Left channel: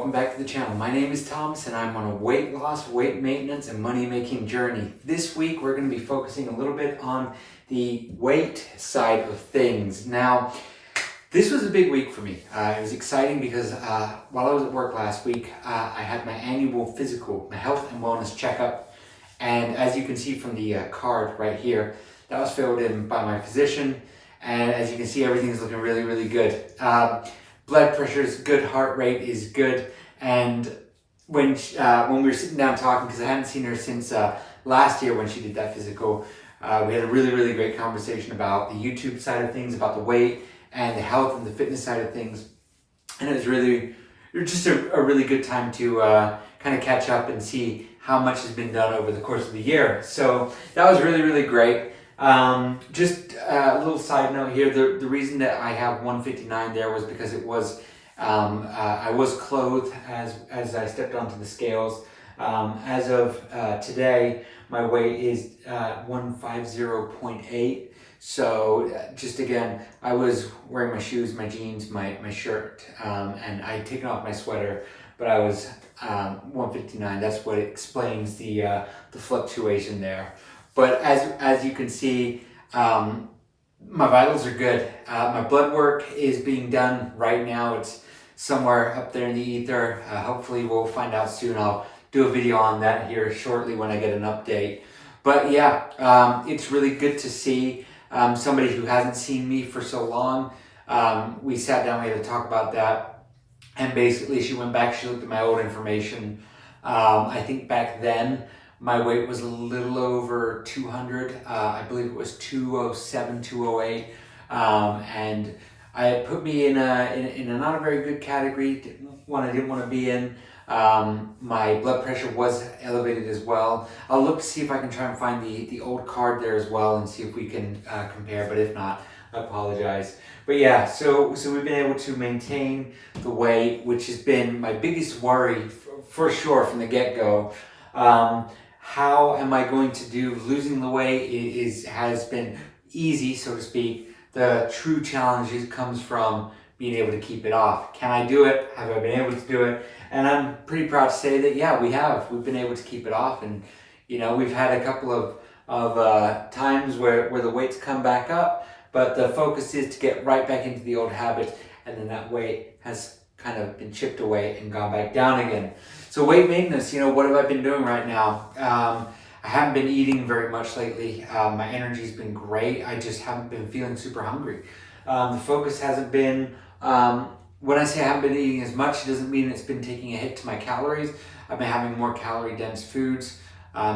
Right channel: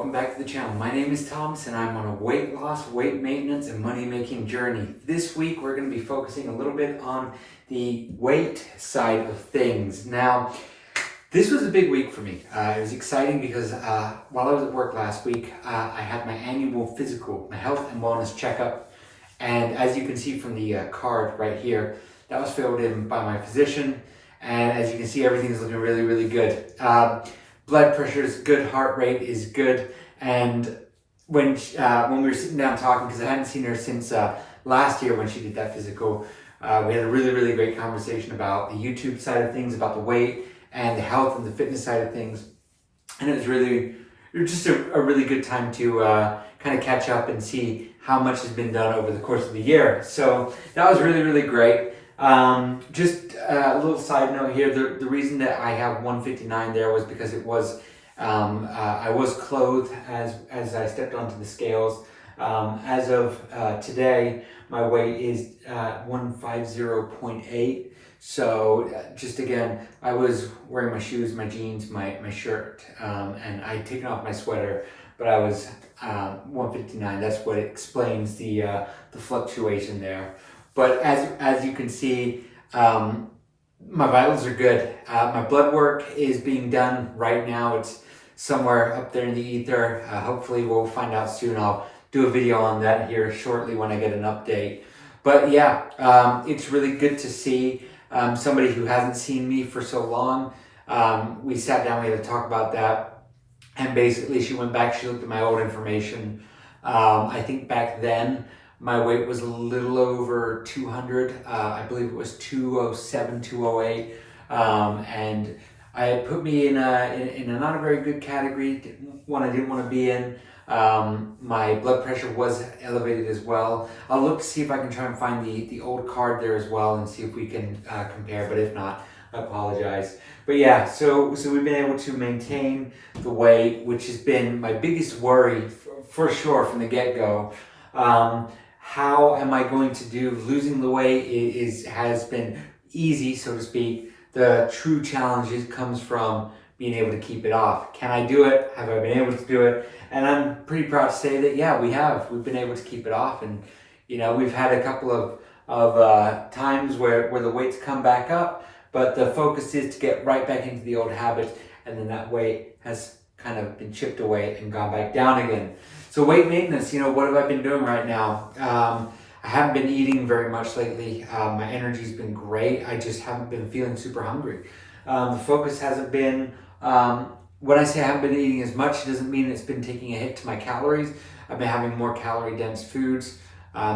welcome back to the channel. My name is Thomas and I'm on a weight loss, weight maintenance, and money making journey. This week we're going to be focusing a little bit on the weight side of things. Now, this was a big week for me. It was exciting because while I was at work last week, I had my annual physical, my health and wellness checkup. And as you can see from the card right here, that was filled in by my physician. And as you can see, everything's looking really, really good. Blood pressure is good, heart rate is good, and when we were sitting down talking, because I hadn't seen her since last year when she did that physical, we had a really, really great conversation about the YouTube side of things, about the weight and the health and the fitness side of things, and it was just a really good time to kind of catch up and see how much has been done over the course of the year. So that was really, really great. Just a little side note here, the reason that I have 159 there was because it was, I was clothed as I stepped onto the scales. As of today, my weight is 150.8. So just again, I was wearing my shoes, my jeans, my shirt, and I had taken off my sweater, but I was 159. That's what explains the fluctuation there. But as you can see, my vitals are good. My blood work is being done right now. It's somewhere up there in the ether. Hopefully we'll find out soon. I'll do a video on that here shortly when I get an update. But yeah, it's really good to see somebody who hasn't seen me for so long. We sat down, we had to talk about that. And basically she went back, she looked at my old information. I think back then, my weight was a little over 200. I believe it was 207, 208. And it put me in a not a very good category, one I didn't want to be in. My blood pressure was elevated as well. I'll look to see if I can try and find the old card there as well and see if we can compare, but if not, I apologize. But yeah, so we've been able to maintain the weight, which has been my biggest worry for sure from the get-go. How am I going to do? Losing the weight has been easy, so to speak. The true challenge comes from being able to keep it off. Can I do it? Have I been able to do it? And I'm pretty proud to say that, yeah, we have. We've been able to keep it off. And, you know, we've had a couple of times where the weight's come back up, but the focus is to get right back into the old habits. And then that weight has kind of been chipped away and gone back down again. So weight maintenance, you know, what have I been doing right now? I haven't been eating very much lately. My energy's been great. I just haven't been feeling super hungry. The focus hasn't been, when I say I haven't been eating as much, it doesn't mean it's been taking a hit to my calories. I've been having more calorie dense foods,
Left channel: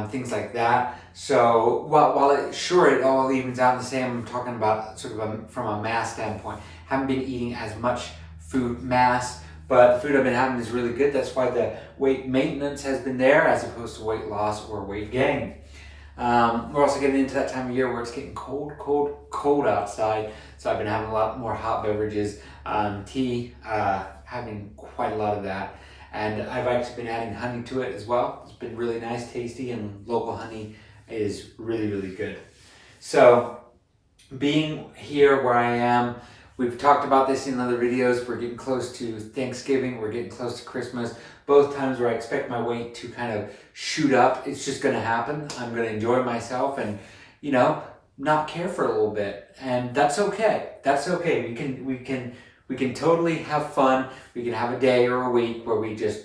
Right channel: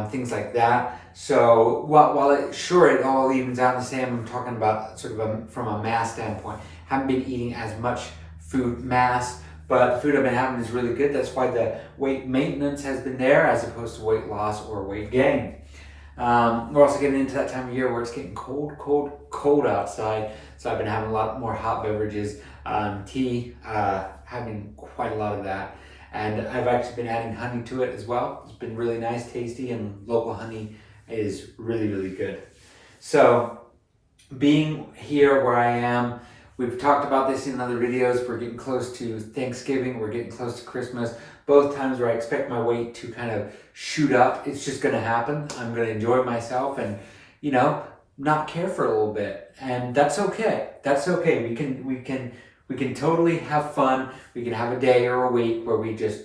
things like that. So while it all evens out the same, I'm talking about sort of from a mass standpoint. Haven't been eating as much food mass, but the food I've been having is really good. That's why the weight maintenance has been there as opposed to weight loss or weight gain. We're also getting into that time of year where it's getting cold outside. So I've been having a lot more hot beverages, tea, having quite a lot of that. And I've actually been adding honey to it as well. It's been really nice, tasty, and local honey is really, really good. So being here where I am, we've talked about this in other videos. We're getting close to Thanksgiving. We're getting close to Christmas. Both times where I expect my weight to kind of shoot up. It's just going to happen. I'm going to enjoy myself and, you know, not care for a little bit. And that's okay. That's okay. We can totally have fun. We can have a day or a week where we just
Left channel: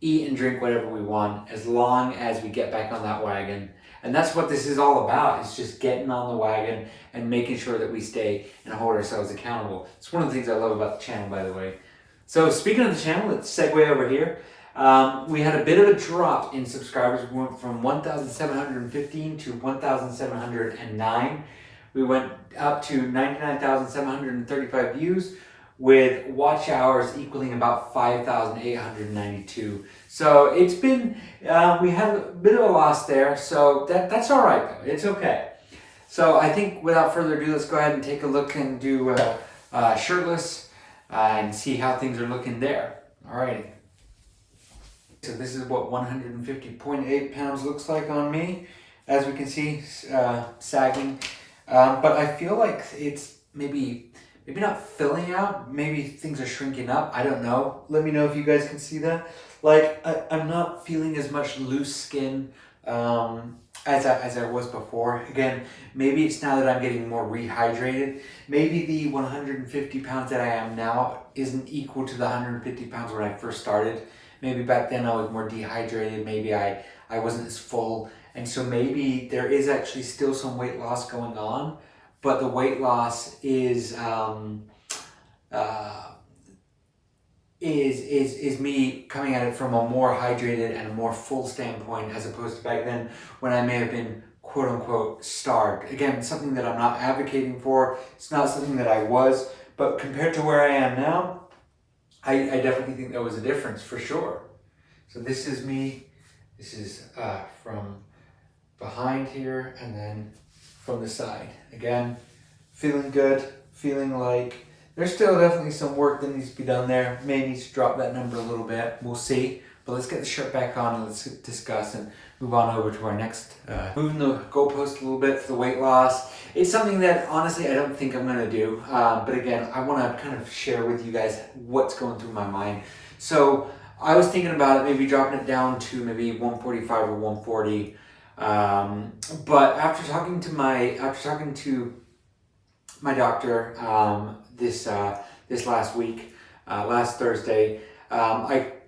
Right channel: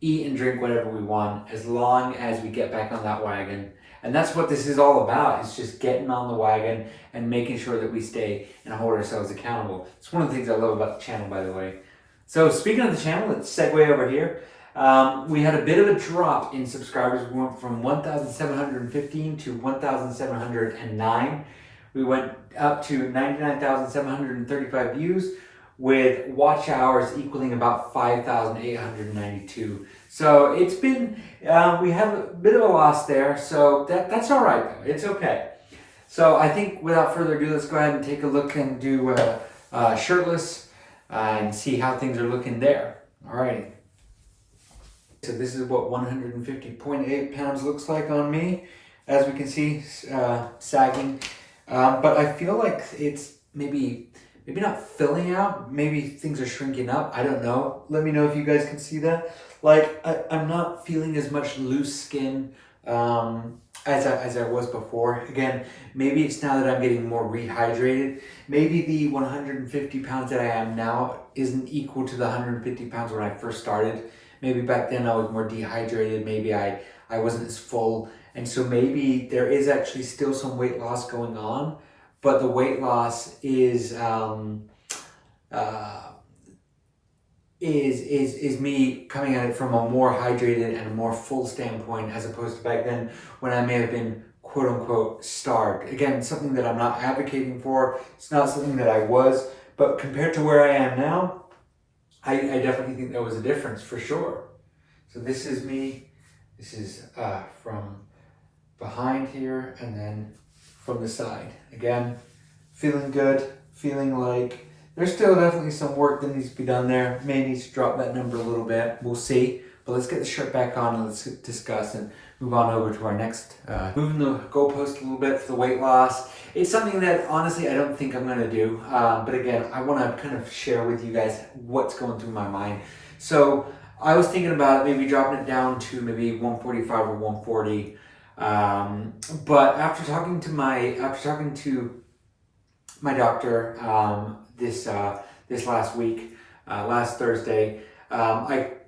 eat and drink whatever we want, as long as we get back on that wagon. And that's what this is all about. It's just getting on the wagon and making sure that we stay and hold ourselves accountable. It's one of the things I love about the channel, by the way. So speaking of the channel, let's segue over here. We had a bit of a drop in subscribers. We went from 1,715 to 1,709. We went up to 99,735 views with watch hours equaling about 5,892. So it's been, we had a bit of a loss there, so that's all right though, it's okay. So I think without further ado, let's go ahead and take a look and do shirtless and see how things are looking there. All right. So this is what 150.8 pounds looks like on me. As we can see, sagging. But I feel like it's maybe maybe not filling out, maybe things are shrinking up. I don't know. Let me know if you guys can see that. Like I'm not feeling as much loose skin as I was before. Again, maybe it's now that I'm getting more rehydrated. Maybe the 150 pounds that I am now isn't equal to the 150 pounds when I first started. Maybe back then I was more dehydrated. Maybe I wasn't as full. And so maybe there is actually still some weight loss going on, but the weight loss is me coming at it from a more hydrated and a more full standpoint, as opposed to back then when I may have been quote unquote starved. Again, something that I'm not advocating for. It's not something that I was, but compared to where I am now, I definitely think there was a difference for sure. So this is me. This is from behind here and then from the side. Again, feeling good, feeling like there's still definitely some work that needs to be done there. May need to drop that number a little bit. We'll see. But let's get the shirt back on and let's discuss and move on over to our next. Moving the goalpost a little bit for the weight loss. It's something that honestly I don't think I'm going to do. But again, I want to kind of share with you guys what's going through my mind. So I was thinking about maybe dropping it down to maybe 145 or 140. But after talking to my doctor this last week, last Thursday,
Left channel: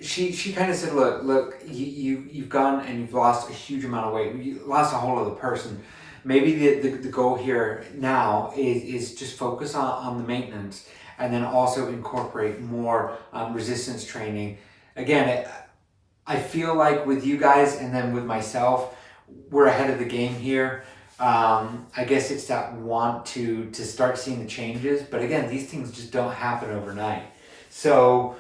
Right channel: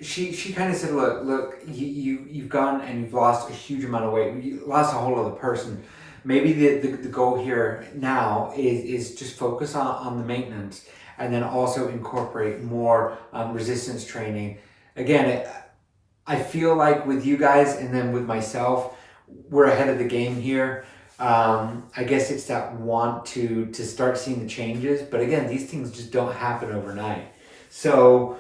she kind of said, look, you've gone and you've lost a huge amount of weight. You lost a whole other person. Maybe the goal here now is just focus on the maintenance and then also incorporate more resistance training. Again, I feel like with you guys and then with myself, we're ahead of the game here. I guess it's that want to start seeing the changes, but again, these things just don't happen overnight. So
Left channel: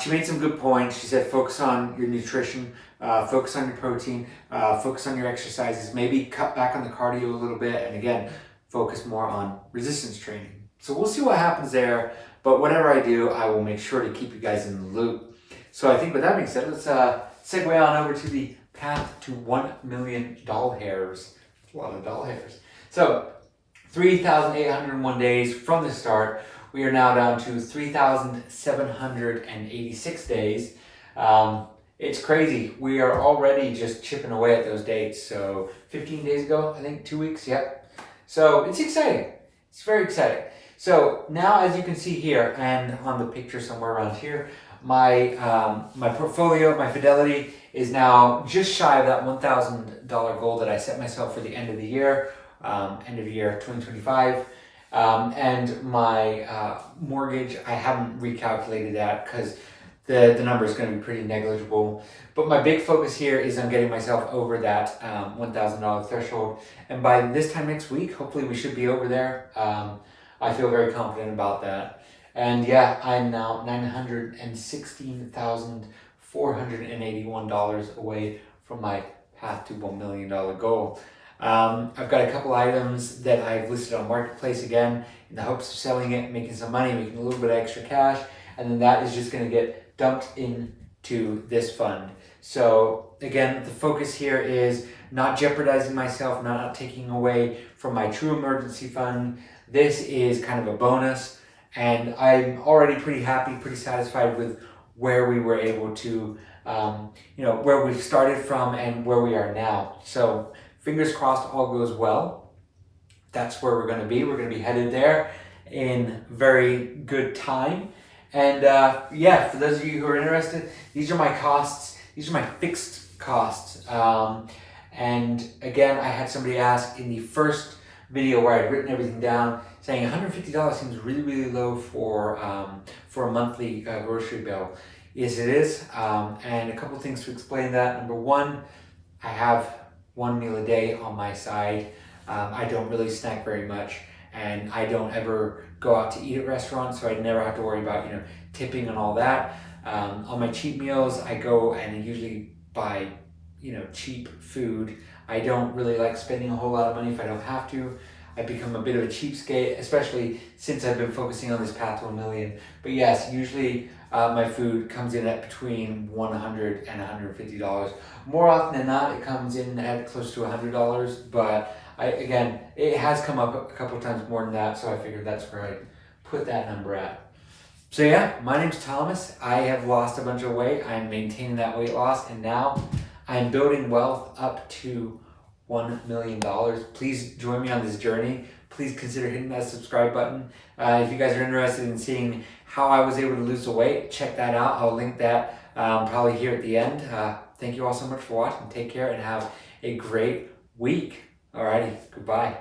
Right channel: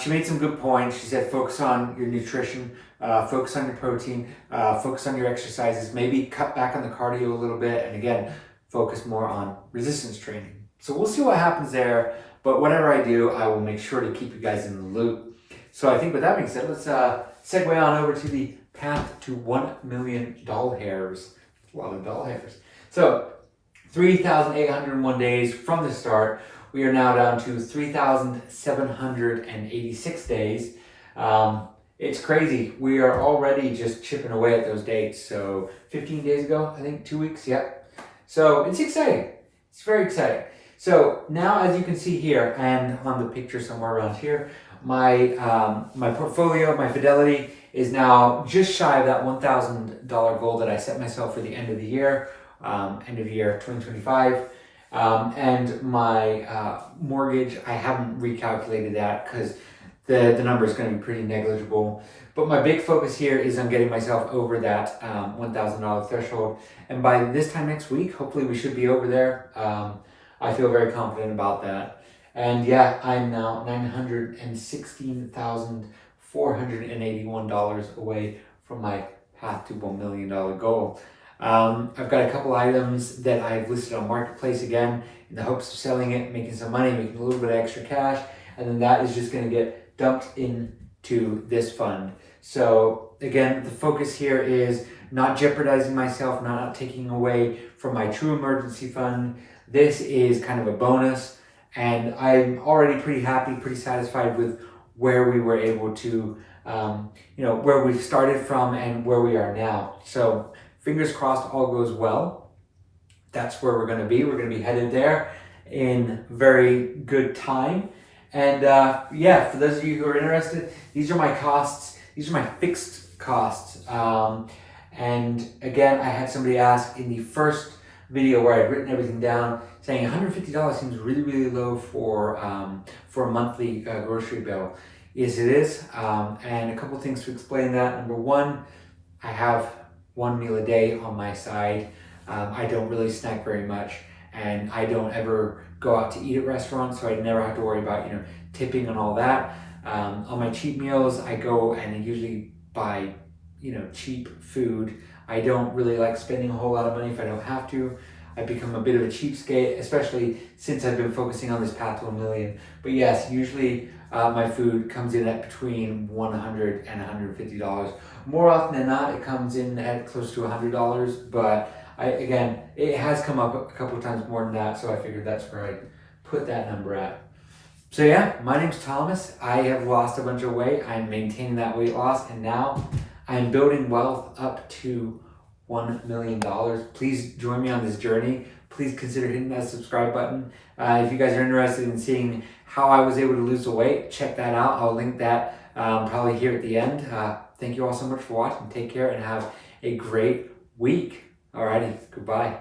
she made some good points. She said focus on your nutrition, focus on your protein, focus on your exercises, maybe cut back on the cardio a little bit, and again, focus more on resistance training. So we'll see what happens there, but whatever I do, I will make sure to keep you guys in the loop. So I think with that being said, let's segue on over to the path to 1 million doll hairs. A lot of doll hairs. So 3,801 days from the start. We are now down to 3,786 days. It's crazy. We are already just chipping away at those dates. So 15 days ago, I think 2 weeks. Yep. So it's exciting. It's very exciting. So now, as you can see here and on the picture somewhere around here, my portfolio, my fidelity is now just shy of that $1,000 goal that I set myself for the end of the year 2025. And my mortgage, I haven't recalculated that because the number is going to be pretty negligible. But my big focus here is on getting myself over that $1,000 threshold. And by this time next week, hopefully we should be over there. I feel very confident about that. And yeah, I'm now $916,481 away from my path to $1 million goal. I've got a couple items that I've listed on Marketplace again in the hopes of selling it, making some money, making a little bit of extra cash, and then that is just going to get dumped into this fund. So again, the focus here is not jeopardizing myself, not taking away from my true emergency fund. This is kind of a bonus. And I'm already pretty happy, pretty satisfied with where we were able to, where we've started from and where we are now. So fingers crossed all goes well. That's where we're going to be. We're going to be headed there in very good time. And for those of you who are interested, these are my costs. These are my fixed costs. And again, I had somebody ask in the first video where I'd written everything down, saying $150 seems really, really low for a monthly grocery bill. Yes, it is. And a couple things to explain that. Number one, I have one meal a day on my side. I don't really snack very much, and I don't ever go out to eat at restaurants, so I never have to worry about tipping and all that. On my cheat meals, I go and I usually buy cheap food. I don't really like spending a whole lot of money if I don't have to. I've become a bit of a cheapskate, especially since I've been focusing on this path to $1 million. But yes, usually my food comes in at between $100 and $150. More often than not, it comes in at close to $100. But it has come up a couple of times more than that, so I figured that's where I put that number at. So yeah, my name's Thomas. I have lost a bunch of weight. I'm maintaining that weight loss, and now I'm building wealth up to $1 million. Please join me on this journey. Please consider hitting that subscribe button. If you guys are interested in seeing how I was able to lose the weight, check that out. I'll link that probably here at the end. Thank you all so much for watching. Take care and have a great week. Alrighty, goodbye.